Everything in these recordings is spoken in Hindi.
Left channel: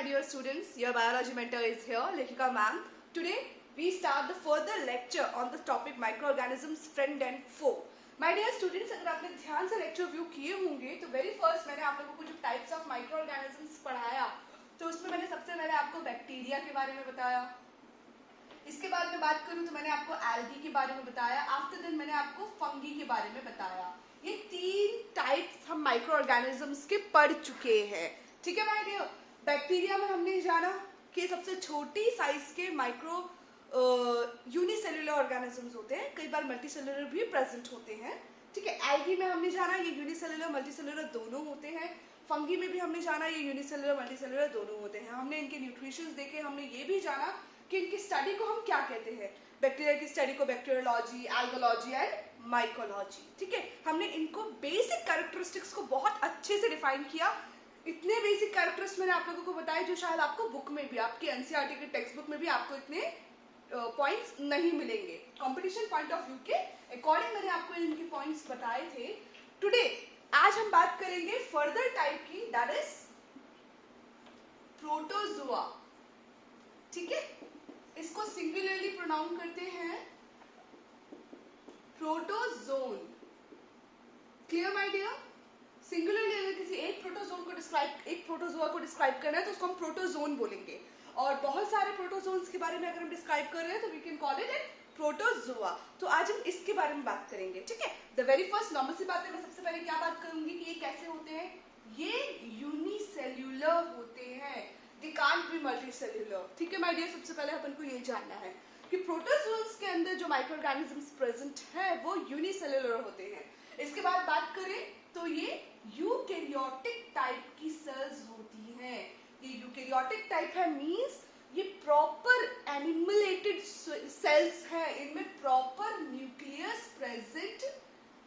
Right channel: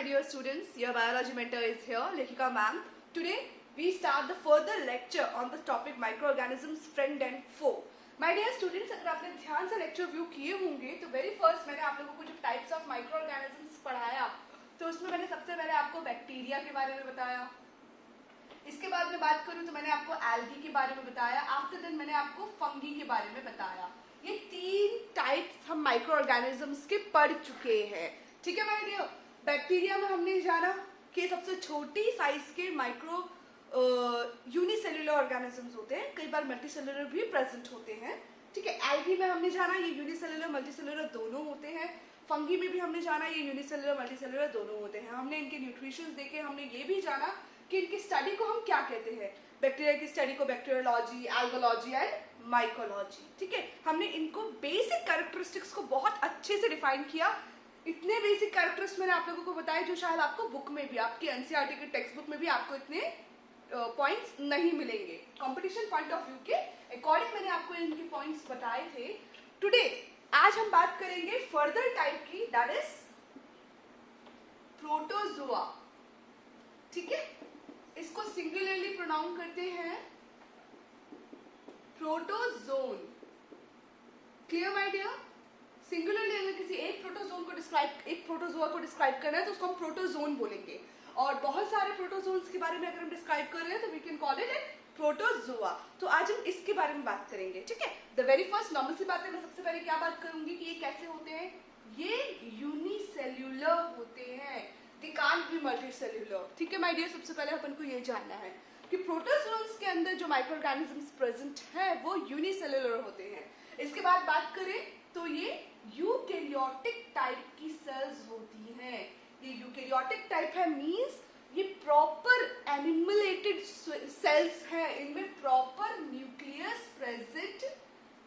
my dear students, your biology mentor is here, Lekhika ma'am. Today we start the further lecture on the topic microorganisms friend and foe. My dear students, अगर आपने ध्यान से लेक्चर व्यू किए होंगे तो वेरी फर्स्ट मैंने आप लोगों को जो टाइप्स ऑफ माइक्रोऑर्गेनिजम्स पढ़ाया तो उसमें मैंने सबसे पहले आपको बैक्टीरिया के बारे में बताया. इसके बाद में बात करूं तो मैंने आपको एल्गी के बारे में बताया. आफ्टर देन मैंने आपको फंगी के बारे में बताया. ये तीन टाइप्स हम माइक्रो ऑर्गेनिजम्स के पढ़ चुके हैं. ठीक है माय डियर. बैक्टीरिया में हमने जाना कि सबसे छोटी साइज के माइक्रो यूनिसेल्युलर ऑर्गेनिजम्स होते हैं, कई बार मल्टीसेल्युलर भी प्रेजेंट होते हैं. ठीक है. एल्गी में हमने जाना ये यूनिसेल्युलर मल्टीसेल्युलर दोनों होते हैं. फंगी में भी हमने जाना ये यूनिसेल्युलर मल्टीसेल्युलर दोनों होते हैं. हमने इनके न्यूट्रिशंस देखे. हमने ये भी जाना कि इनकी स्टडी को हम क्या कहते हैं. बैक्टीरिया की स्टडी को बैक्टीरियोलॉजी, एल्गोलॉजी एंड माइकोलॉजी. ठीक है. हमने इनको बेसिक कैरेक्टरिस्टिक्स को बहुत अच्छे से डिफाइन किया. इतने बेसिक कैरेक्टर्स मैंने आप लोगों को बताए जो शायद आपको बुक में भी, आपकी एनसीईआरटी के टेक्स्ट बुक में भी आपको इतने पॉइंट्स नहीं मिलेंगे. कंपटीशन पॉइंट ऑफ व्यू के अकॉर्डिंग मैंने आपको इनके पॉइंट्स बताए थे. टुडे आज हम बात करेंगे फर्दर टाइप की, दैट इज प्रोटोजोआ. ठीक है. इसको सिंगुलरली प्रोनाउंस करते हैं protozoon. Clear my dear. Singularly अगर किसी एक प्रोटोजोआ को डिस्क्राइब करना है तो उसको हम प्रोटोजोन बोलेंगे. और बहुत सारे प्रोटोजोन्स के बारे में अगर हम डिस्क्राइब कर रहे हैं तो we can call it protozoa. तो आज हम इसके बारे में बात करेंगे. ठीक है. द वेरी फर्स्ट नॉर्मल सी बात है, मैं सबसे पहले क्या बात करूंगी कि ये कैसे होते हैं. ये यूनिसेल्युलर होते हैं. They can't be multicellular. ठीक है माय डियर. सबसे पहले अपन को ये जानना है कि प्रोटोजोन्स के अंदर जो माइक्रोऑर्गेनिजम्स प्रेजेंट है वो यूनिसेल्युलर होते हैं. इसके बाद बात करें तो ये यूकैरियोटिक टाइप की सेल्स होती हैं. ये यूकैरियोटिक टाइप है मींस ये प्रॉपर एनिमलेटेड सेल्स है. इनमें प्रॉपर न्यूक्लियस प्रेजेंट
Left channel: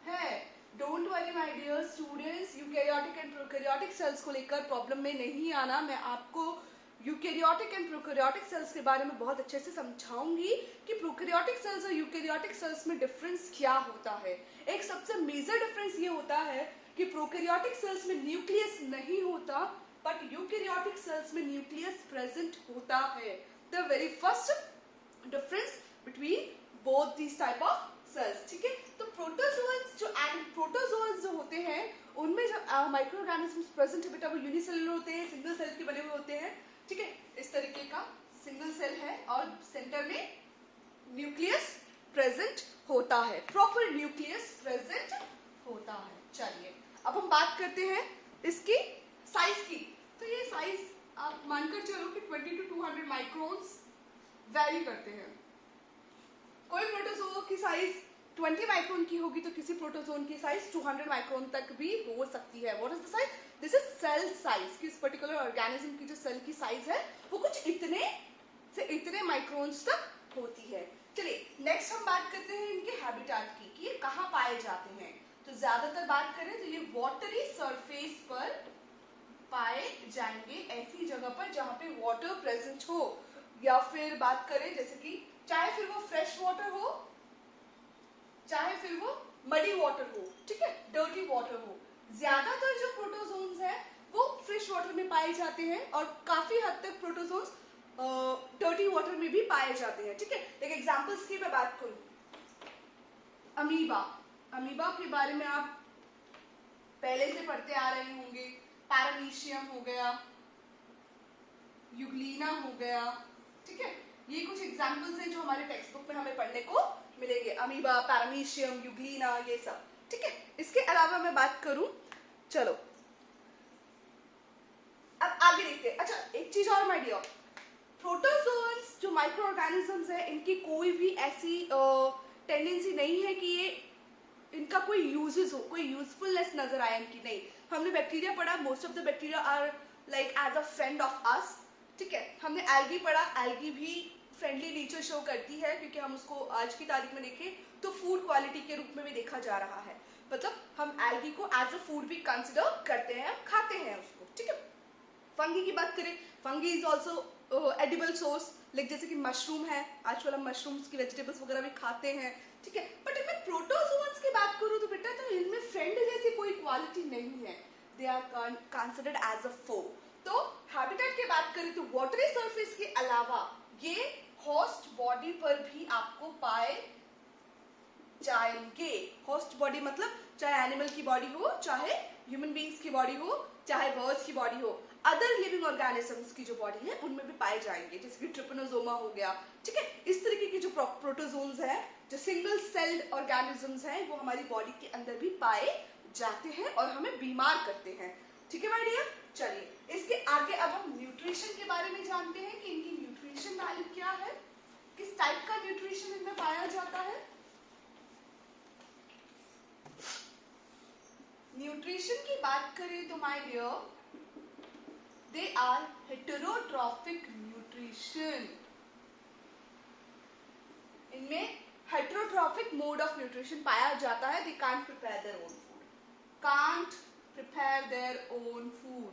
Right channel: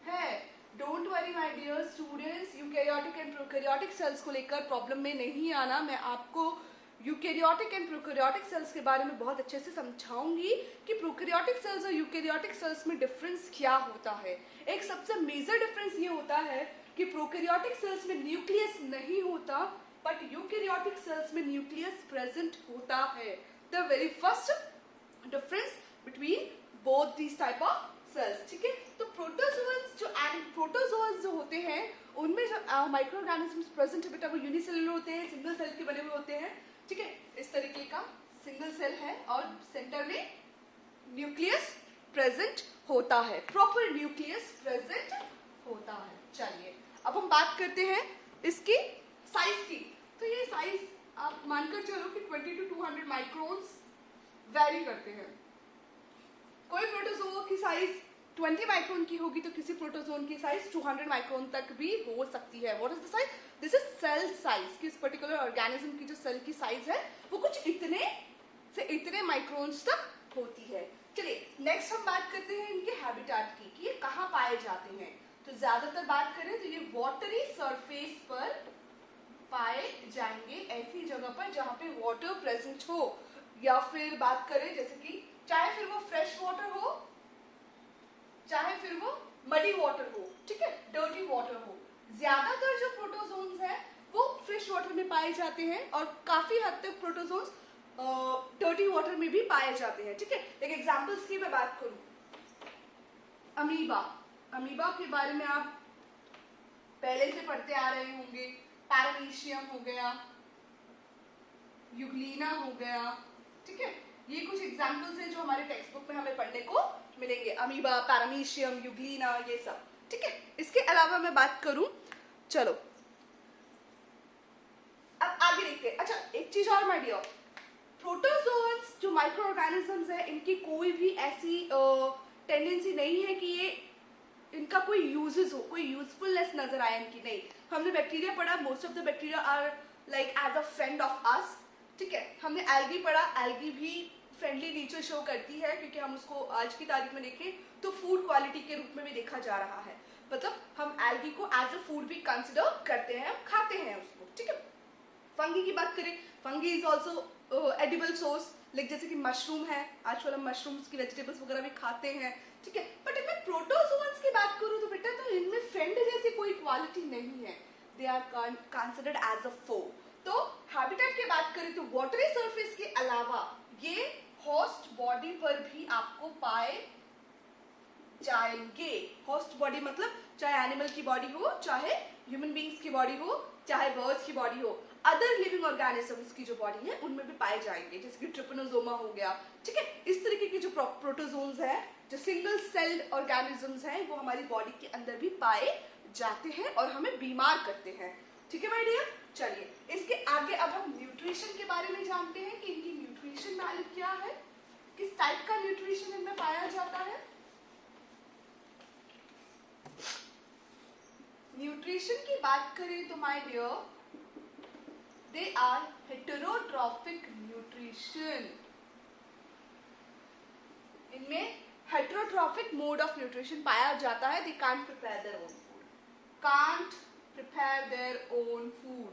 है. Don't worry my dear students. Eukaryotic and prokaryotic cells को लेकर प्रॉब्लम में नहीं आना. मैं आपको यूकैरियोटिक एंड प्रोकैरियोटिक सेल्स के बारे में बहुत अच्छे से समझाऊंगी कि प्रोकैरियोटिक सेल्स और यूकैरियोटिक सेल्स में डिफरेंस क्या होता है. एक सबसे मेजर डिफरेंस ये होता है कि प्रोकैरियोटिक सेल्स में न्यूक्लियस नहीं होता बट यूकैरियोटिक सेल्स में न्यूक्लियस प्रेजेंट होता है. The very first difference between both this type of cells. ठीक है. तो प्रोटोजोअन्स जो होते हैं उनमें जो माइक्रोऑर्गेनिजम्स प्रेजेंट है बेटा वो यूनिसेल्युलर होते हैं, सिंगल सेल के बने हुए होते हैं. ठीक है. इस तरीके का सिंगल सेल है और सेंटर में न्यूक्लियस प्रेजेंट होता है. प्रॉपर न्यूक्लियस प्रेजेंट होता है. चलिए अब हम बात करते हैं इसकी साइज की. तो ये साइज आप मानकर चलो कि 20 to 200 माइक्रोन्स वैरी करते हैं. कोई प्रोटोजोआ की साइज 20 माइक्रोन की होगी तो किसी प्रोटोजोन की साइज 200 माइक्रोन तक भी हो सकती है. What is the size? This is cell size. किस पर्टिकुलर ऑर्गेनिज्म की जो सेल की साइज है वो कुछ इतने से इतने माइक्रोन्स तक होती है. चलिए नेक्स्ट हम बात करते हैं इनके हैबिटेट की कि ये कहाँ पाए जाते हैं. तो ज्यादातर बात करें तो ये वाटरी सरफेस पर पाए जाएंगे, ऐसी जगह पर जहां पे वाटर प्रेजेंट हो. या फिर बात करें जैसे कि चाहे फिर वो फ्रेश वाटर हो चाहे फिर वो मडी वाटर हो. ठीक है. डर्टी वाटर हो. ज्यादातर जो प्रोटोजोन्स हैं वो फ्रेश वाटर में पाए जाते हैं और काफी हद तक प्रोटोजोन्स डर्टी वाटर में भी पाए जाते हैं. ठीक है. एक एग्जांपल्स की मैं बात करूं, अमीबा. अमीबा के बारे में आप पहले से पढ़ते आ रहे होंगे. पैरामीशियम हो गया, यूग्लिना हो गया. ठीक है. ये कुछ एग्जांपल्स हैं जो हमारे टेक्स्ट बुक में हमें पढ़ने को मिलेंगे. अमीबा, पैरामीशियम, यूग्लिना, ये सब. ठीक है. इसके अलावा मैं बात करूं, चलो अब आगे देखते हैं. अच्छा एक चीज और माय डियर, प्रोटोजोन्स जो माइक्रो ऑर्गेनिजम्स है इनकी कोई भी ऐसी टेंडेंसी नहीं है कि ये इनका कोई यूजेस हो, कोई यूजफुलनेस नजर आए इनकी. नहीं. हमने बैक्टीरिया पढ़ा. Most of the bacteria are like as a friend of us. ठीक है. हमने एल्गी पढ़ा. एल्गी भी फ्रेंडली नेचर शो करती है क्योंकि हम उसको आज की तारीख में देखें तो फूड क्वालिटी के रूप में भी देखा जा रहा है. मतलब हम एल्गी को एज अ फूड भी कंसिडर करते हैं, खाते हैं उसको. ठीक है. फंगी की बात करें, fungi is also edible source. Like जैसे कि मशरूम है, आजकल हम मशरूम्स की वेजिटेबल्स वगैरह भी खाते हैं. ठीक है. बट अगर प्रोटोजोन्स की बात करूं तो बेटा तो इनमें फ्रेंड जैसी कोई क्वालिटी नहीं है. They are considered as a foe. तो हैबिटेट की बात करें तो वाटरी सरफेस के अलावा ये होस्ट बॉडी पर भी आपको पाए जाएंगे। होस्ट बॉडी मतलब चाहे एनिमल की बॉडी हो, चाहे ह्यूमन बींग्स की बॉडी हो, चाहे बर्ड्स की बॉडी हो, अदर लिविंग ऑर्गेनिजम्स की जो बॉडी है उनमें भी पाए जाएंगे, जैसे कि ट्रिपनोसोमा हो गया, ठीक है। इस तरीके की जो प्रोटोजोन्स है, जो सिंगल सेल्ड ऑर्गेनिजम्स हैं, वो हमारी बॉडी के अंदर भी पाए जाते हैं और हमें बीमार करते हैं, ठीक है माय डियर। चलिए इसके आगे अब हम न्यूट्रिशन के बारे में जानते हैं कि इनकी न्यूट्रिशन वैल्यू क्या है, किस टाइप का न्यूट्रिशन इनमें पाया जाता है। न्यूट्रिशन की बात करें तो my dear, they are heterotrophic nutrition. इनमें हेटेरोट्रॉफिक मोड ऑफ न्यूट्रिशन पाया जाता है। They can't prepare their own food, can't prepare their own food.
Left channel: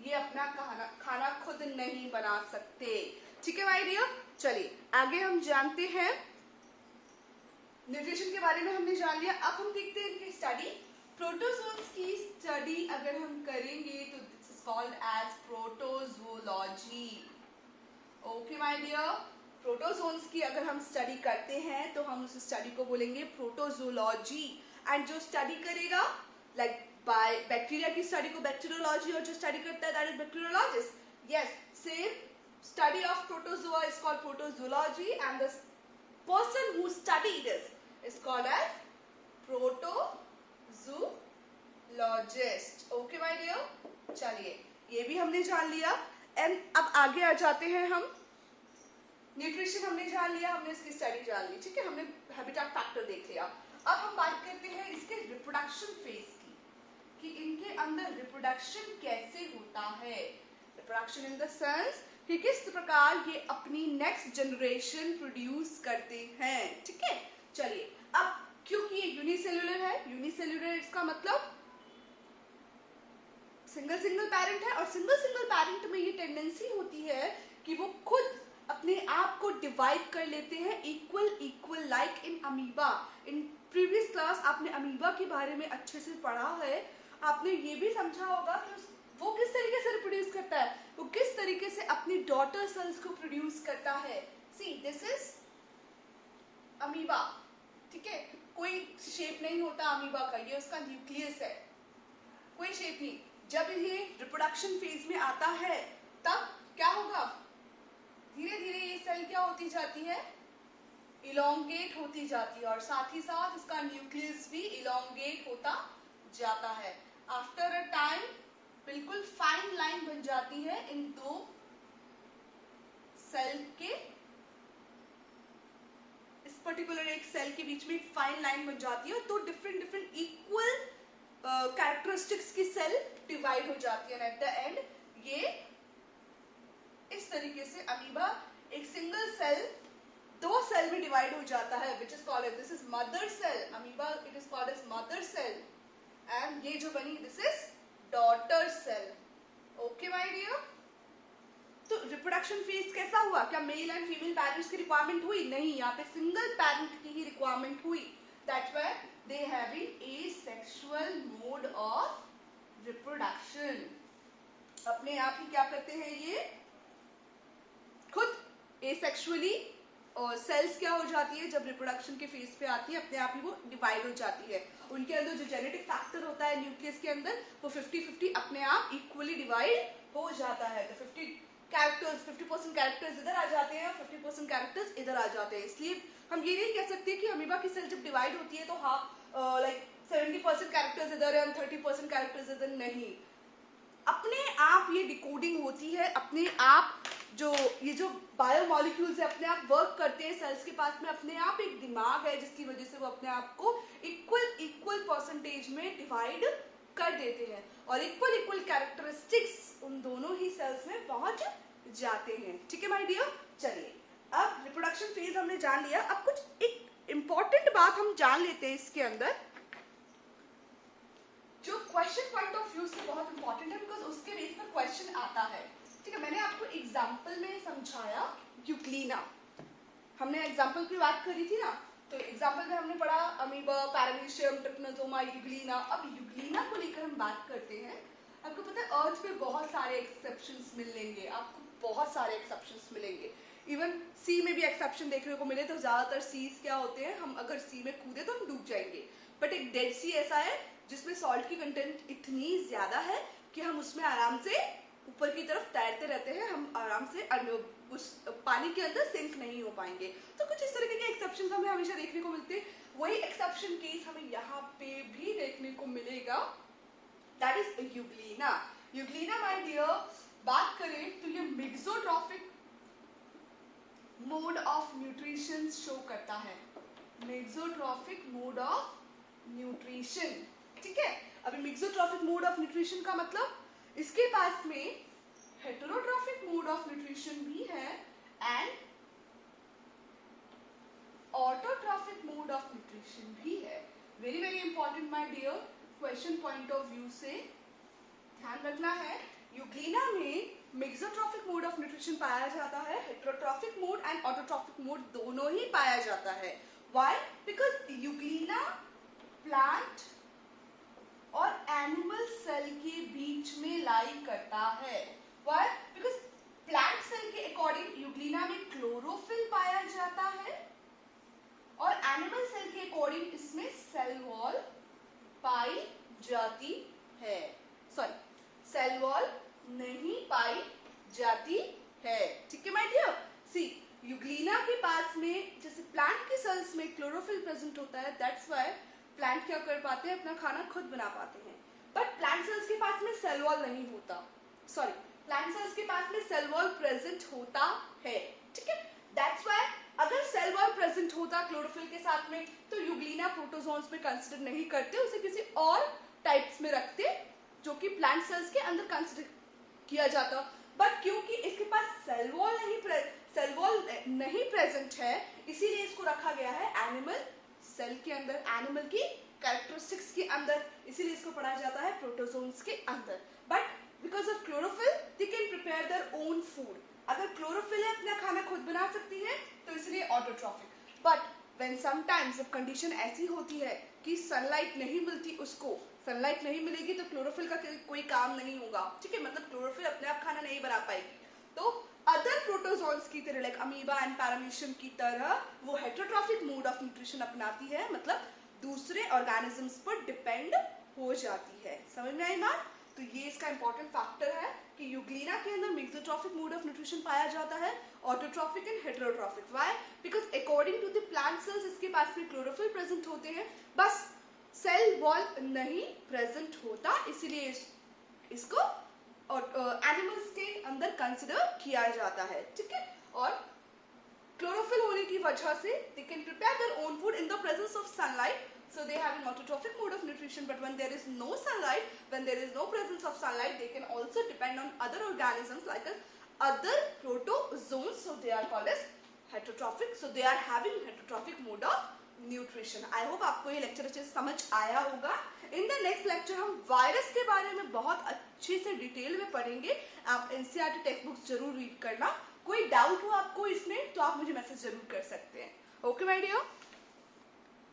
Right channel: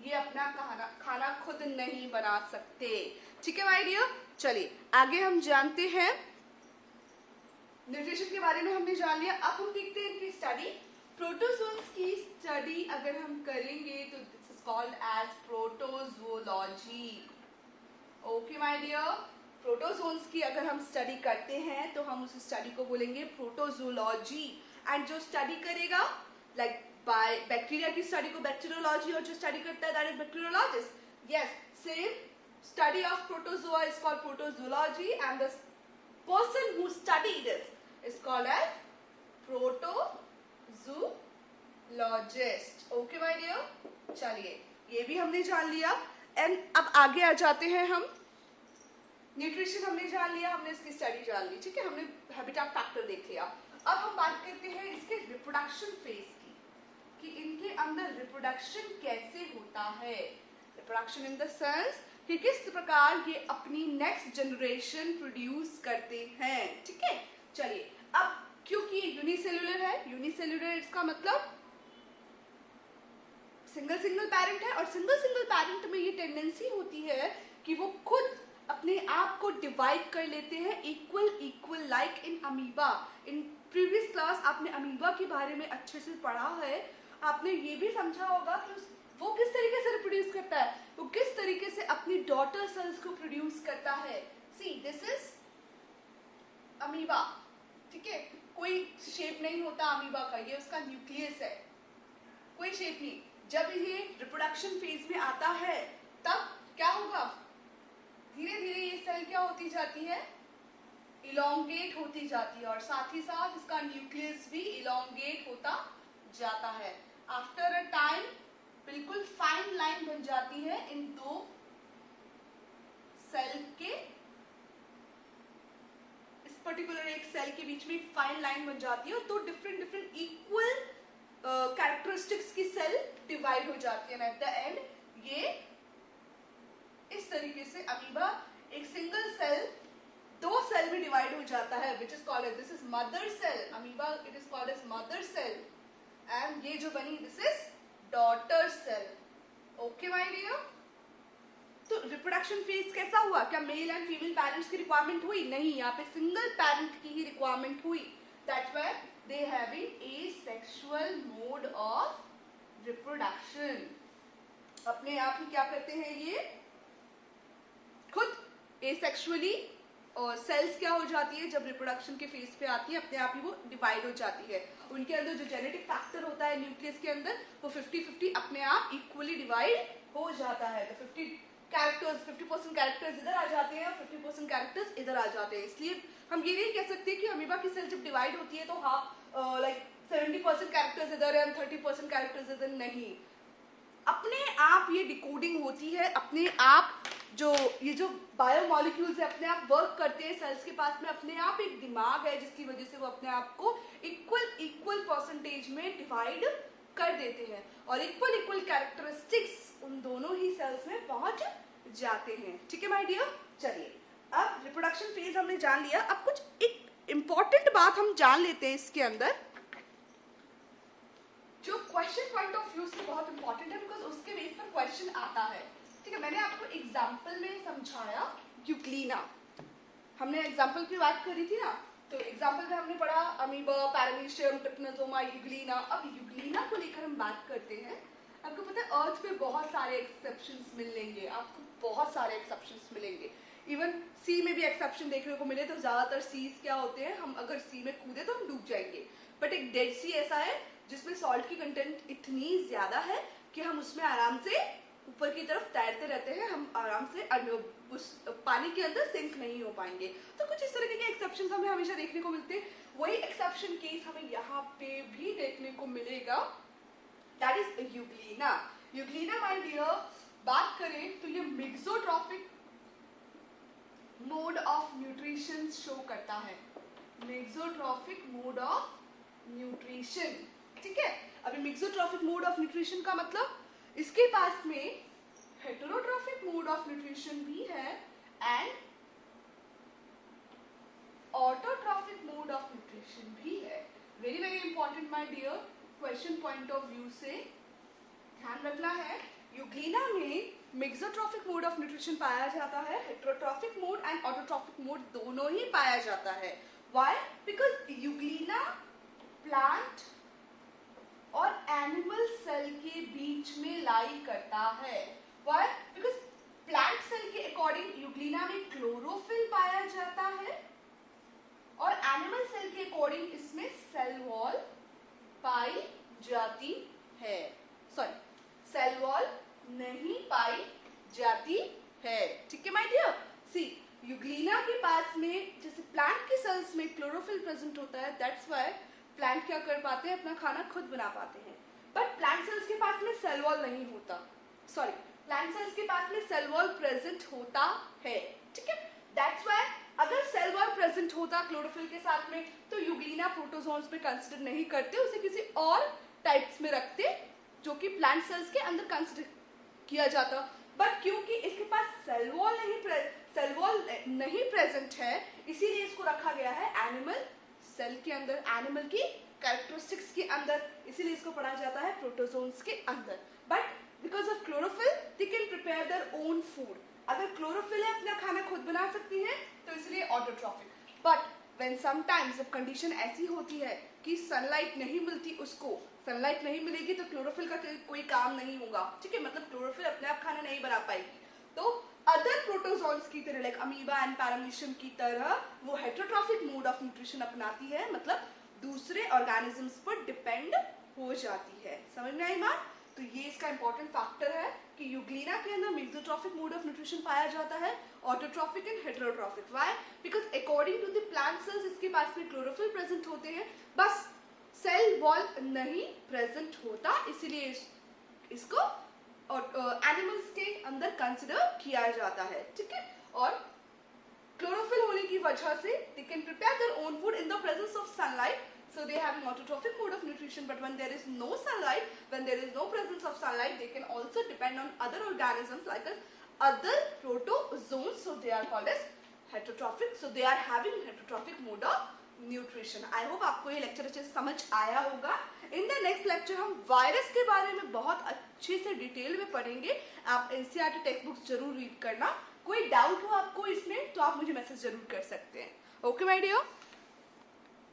ये अपना खाना खुद नहीं बना सकते, ठीक है माय डियर। चलिए आगे हम जानते हैं, न्यूट्रिशन के बारे में हमने जान लिया। अब हम देखते हैं इनकी स्टडी। प्रोटोजोन्स की स्टडी अगर हम करेंगे तो this is called as protozoology. Okay my dear, protozoans की अगर हम स्टडी करते हैं तो हम उस स्टडी को बोलेंगे प्रोटोजोलॉजी। एंड जो स्टडी करेगा, लाइक बाय बैक्टीरिया की स्टडी को बैक्टीरियोलॉजी, और जो स्टडी करता है that is bacteriologist. Yes, same study of protozoa is called protozoology and the person who study this is called as protozoologist. Okay my dear, चलिए ये भी हमने जान लिया। एंड अब आगे आ जाते हैं हम। न्यूट्रिशन हमने जान लिया, हमने इसकी स्टडी जान ली, ठीक है, हमने हैबिटेट फैक्टर देख लिया। अब हम बात करते हैं इसके रिप्रोडक्शन फेज की, कि इनके अंदर रिप्रोडक्शन कैसे होता है। रिप्रोडक्शन इन द सेंस कि किस प्रकार ये अपनी नेक्स्ट जनरेशन प्रोड्यूस करते हैं, ठीक है। चलिए अब क्योंकि ये यूनिसेल्युलर है, यूनिसेल्युलर इसका मतलब सिंगल सिंगल पैरेंट है, और सिंगल पैरेंट में ये टेंडेंसी होती है कि वो खुद अपने आप को डिवाइड कर लेते हैं equal like in amoeba. In previous class आपने अमीबा के बारे में अच्छे से पढ़ा है, आपने ये भी समझा होगा कि वो किस तरीके से रिप्रोड्यूस करता है, वो किस तरीके से अपनी डॉटर सेल्स को प्रोड्यूस करता है। सी दिस इज अमीबा, ठीक है, कोई शेप नहीं होता अमीबा का, ये उसका न्यूक्लियस है, कोई शेप नहीं। जब ये रिप्रोडक्शन फेज में आता है तब क्या होगा, धीरे धीरे ये सेल क्या होती जाती है, इलोंगेट होती जाती है, और साथ ही साथ इसका न्यूक्लियस भी इलोंगेट होता जाता है। आफ्टर अ टाइम बिल्कुल फाइन लाइन बन जाती है इन दो सेल के, इस पर्टिकुलर एक सेल के बीच में फाइन लाइन बन जाती है, तो डिफरेंट इक्वल कैरेक्टरिस्टिक्स की सेल डिवाइड हो जाती है। एट द एंड ये इस तरीके से अमीबा एक सिंगल सेल दो सेल में डिवाइड हो जाता है, which is called, this is mother cell. Amoeba it is called as mother cell, and ये जो बनी this is daughter cell. Okay my dear, तो रिप्रोडक्शन फेज कैसा हुआ, क्या मेल एंड फीमेल पेरेंट्स की रिक्वायरमेंट हुई? नहीं, यहाँ पे सिंगल पेरेंट की ही रिक्वायरमेंट हुई। That's why they having asexual mode of reproduction. अपने आप ही क्या करते हैं, ये खुद एसेक्सुअली, और सेल्स क्या हो जाती है जब रिप्रोडक्शन के फेज पे आती है, अपने आप ही वो डिवाइड हो जाती है। उनके अंदर जो जेनेटिक फैक्टर होता है न्यूक्लियस के अंदर, वो 50-50 अपने आप इक्वली डिवाइड हो जाता है। तो 50% कैरेक्टर्स इधर आ जाते हैं और 50% कैरेक्टर्स इधर आ जाते हैं। इसलिए हम ये नहीं कह सकते कि अमीबा की सेल जब डिवाइड होती है तो हाफ लाइक 70% कैरेक्टर्स इधर है और 30% कैरेक्टर्स इधर, नहीं। अपने आप ये डिकोडिंग होती है, अपने आप जो ये जो बायोमॉलिक्यूल्स है अपने आप वर्क करते हैं। सेल्स के पास में अपने आप एक दिमाग है जिसकी वजह से वो अपने आप को इक्वल परसेंटेज में डिवाइड कर देते हैं, और इक्वल कैरेक्टरिस्टिक्स उन दोनों ही सेल्स में पहुंच जाते हैं, ठीक है माय डियर। चलिए अब रिप्रोडक्शन फेज हमने जान लिया, अब कुछ एक इंपॉर्टेंट बात हम जान लेते हैं इसके अंदर, जो क्वेश्चन पॉइंट ऑफ व्यू से बहुत इंपॉर्टेंट है, बिकॉज उसके बेस पर क्वेश्चन आता है, ठीक है। मैंने आपको एग्जाम्पल में समझाया यूग्लिना, हमने एग्जाम्पल की बात करी थी ना, तो एग्जाम्पल में हमने पढ़ा अमीबा, पैरामीशियम, ट्रिपनोसोमा, यूग्लिना। अब यूग्लिना को लेकर हम बात करते हैं। आपको पता है अर्थ पे बहुत सारे एक्सेप्शंस मिलेंगे, आपको बहुत सारे एक्सेप्शंस मिलेंगे। इवन सी में भी एक्सेप्शन देखने को मिले, तो ज्यादातर सीज क्या होते हैं, हम अगर सी में कूदे तो हम डूब जाएंगे, बट एक डेड सी ऐसा है जिसमें सॉल्ट की कंटेंट इतनी ज्यादा है कि हम उसमें आराम से ऊपर की तरफ तैरते रहते हैं, हम आराम से उस पानी के अंदर सिंक नहीं हो पाएंगे। तो कुछ इस तरह के एक्सेप्शन हमें हमेशा देखने को मिलते हैं। वही एक्सेप्शन केस हमें यहाँ पे भी देखने को मिलेगा, that is euglena. Euglena my dear, बात करें तो ये mixotrophic mode of nutrition show करता है, मिक्सोट्रॉफिक मोड ऑफ न्यूट्रिशन, ठीक है। अभी मिक्सोट्रॉफिक मोड ऑफ न्यूट्रिशन का मतलब इसके पास में हेटेरोट्रॉफिक मोड ऑफ न्यूट्रिशन भी है and autotrophic mode of nutrition भी है। Very very important my dear, question point of view से ध्यान रखना है। यूग्लिना में मिक्सोट्रॉफिक मोड ऑफ न्यूट्रिशन पाया जाता है, heterotrophic mode and autotrophic mode दोनों ही पाया जाता है। व्हाई? बिकॉज यूग्लिना प्लांट और एनिमल सेल के बीच में लाई करता है। व्हाई? बिकॉज प्लांट सेल के अकॉर्डिंग यूग्लिना में क्लोरोफिल पाया जाता है और एनिमल सेल के अकॉर्डिंग इसमें सेल वॉल पाई जाती है। सॉरी, सेल वॉल नहीं पाई जाती है, ठीक है माय डियर। सी, यूग्लिना के पास में जैसे प्लांट की सेल्स में क्लोरोफिल प्रेजेंट होता है, दैट्स व्हाई प्लांट क्या कर पाते हैं, अपना खाना खुद बना पाते हैं। बट प्लांट सेल्स के पास में सेल वॉल नहीं होता, सॉरी, प्लांट सेल्स के पास में सेल वॉल प्रेजेंट होता है, ठीक है। दैट्स व्हाई अगर सेल वॉल प्रेजेंट होता क्लोरोफिल के साथ में तो यूग्लिना प्रोटोजोन्स में कंसिडर नहीं करते, उसे किसी और टाइप्स में रखते जो कि प्लांट सेल्स के अंदर कंसिडर किया जाता। बट क्योंकि इसके पास सेल वॉल नहीं प्रेजेंट है, इसीलिए इसको रखा गया है एनिमल सेल के अंदर, एनिमल की कैरेक्टरिस्टिक्स के अंदर, इसीलिए इसको पढ़ा जाता है प्रोटोजोन्स के अंदर। But because of chlorophyll they can prepare their own food. अगर क्लोरोफिल है अपना खाना खुद बना सकती है तो इसलिए ऑटोट्रॉफिक। बट व्हेन समटाइम्स जब कंडीशन ऐसी होती है कि सनलाइट नहीं मिलती, उसको सनलाइट नहीं मिलेगी तो क्लोरोफिल का कोई काम नहीं होगा, ठीक है, मतलब क्लोरोफिल अपने आप खाना नहीं बना पाएगी, तो अदर प्रोटोजोन्स की तरह लाइक अमीबा एंड पैरामीशियम की तरह वो हेटेरोट्रॉफिक मोड ऑफ न्यूट्रिशन अपनाती है, मतलब दूसरे ऑर्गेनिजम्स पर डिपेंड हो जाती है। समझ में आई बात? तो ये इसका इंपॉर्टेंट फैक्टर है कि यूग्लिना के अंदर मिक्सोट्रॉफिक मोड ऑफ न्यूट्रिशन पाया जाता है, autotrophic and heterotrophic. Why? Because according to the plant cells इसके पास में क्लोरोफिल प्रेजेंट होते हैं, बस सेल वॉल नहीं प्रेजेंट होता, इसीलिए इसको एनिमल्स के अंदर कंसिडर किया जाता है, ठीक है। और क्लोरोफिल होने की वजह से they can prepare their own food in the presence of sunlight, so they have an autotrophic mode of nutrition. But when there is no sunlight, when there is no presence of sunlight, they can also depend on other organisms like other protozoans, so they are called as heterotrophic, so they are having heterotrophic mode of nutrition. I hope आपको ये लेक्चर अच्छे से समझ आया होगा। इन द नेक्स्ट लेक्चर हम वायरस के बारे में बहुत अच्छे से डिटेल में पढ़ेंगे। आप एनसीईआरटी टेक्स्ट बुक्स जरूर रीड करना। कोई डाउट हो आपको इसमें तो आप मुझे मैसेज जरूर कर सकते हैं। Okay my dear.